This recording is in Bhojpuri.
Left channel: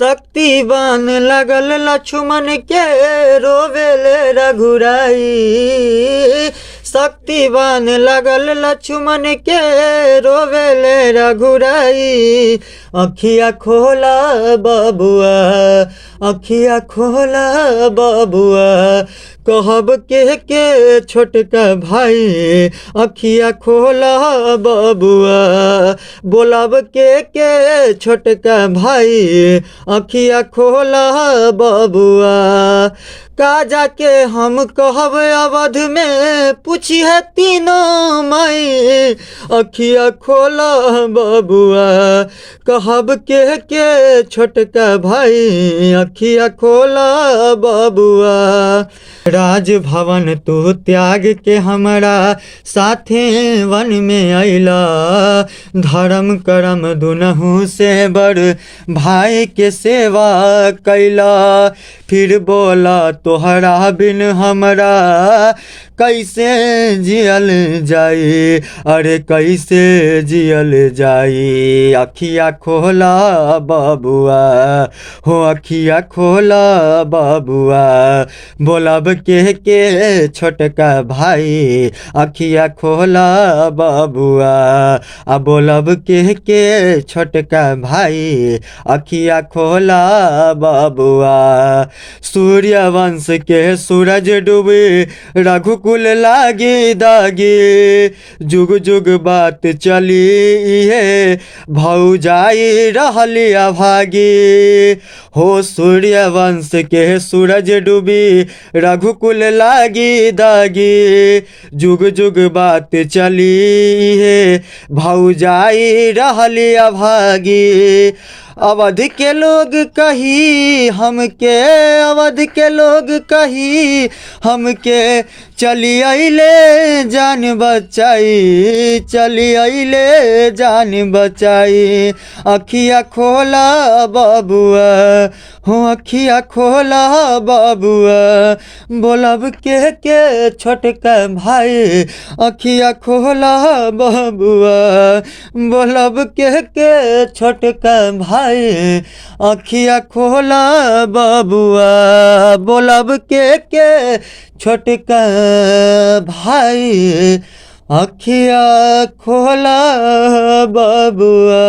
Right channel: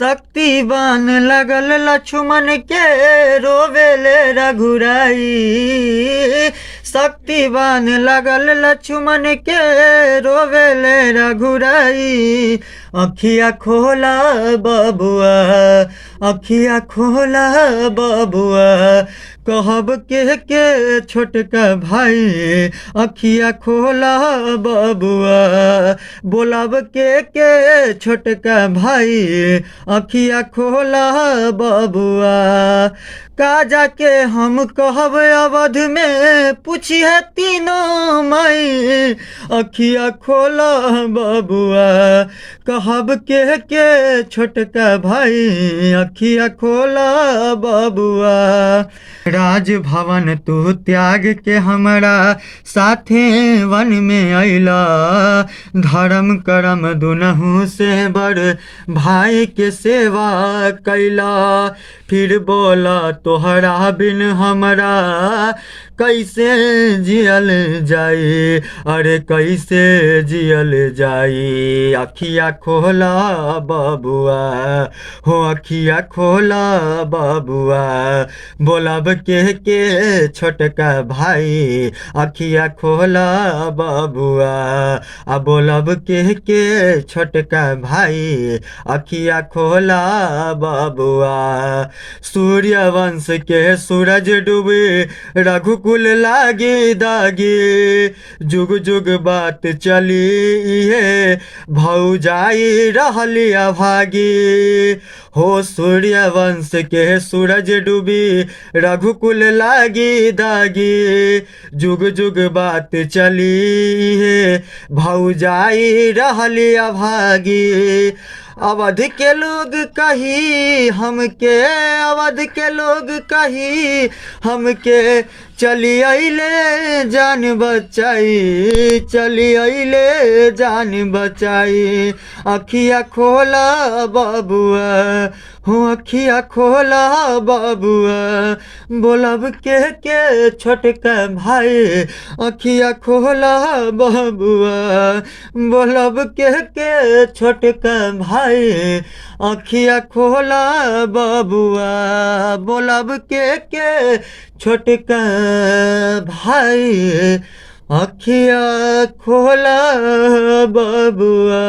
शक्तिवान लगल लक्ष्मण के रोवेले रघुराई। शक्तिवान लगल लक्ष्मण के रोवेले रघुराई। अखिया खोला बबुआ, अखिया खोला बबुआ, कहब के छोटका भाई। अखिया खोला बबुआ, बोलब के छोटका भाई। अखिया खोला बबुआ, का जाके हम कहब अवध में पूछी है तीनों माई। अखिया खोला बबुआ, कहब के छोटका भाई। अखिया खोला बबुआ, राजभवन तू त्याग के हमारा साथे वन में अइला। धर्म कर्म दुनहु से बड़ भाई के सेवा कैला। फिर बोला तोहरा बिन हमरा कैसे जियल जाई, अरे कैसे जियल जाई। अखिया खोला बबुआ, हो अखिया खोला बबुआ, बोलब के छोटका भाई। अखिया खोला बबुआ, आ बोलब के छोटका भाई। अखिया खोला बबुआ, सूर्यवंश के सूरज डूबे रघुकुल लागे दागे। जुग जुग बात चली है भौजाई रहली अभागे। हो सूर्यवंश के सूरज डूबी रघुकुल लागी दागी। जुग जुग बात चली है भौजाई रहली अभागी। अवध के लोग कही हमके, अवध के लोग कही हमके, चली अइले जान बचाई, चली अइले जान बचाई। अखिया खोला बबुआ, हो अखिया खोला बबुआ, बोलब के छोटका भाई। अखिया खोला बबुआ, बोलब के छोटका भाई। अखिया खोला बबुआ, बोलब के छोटका भाई। अखिया खोला बबुआ।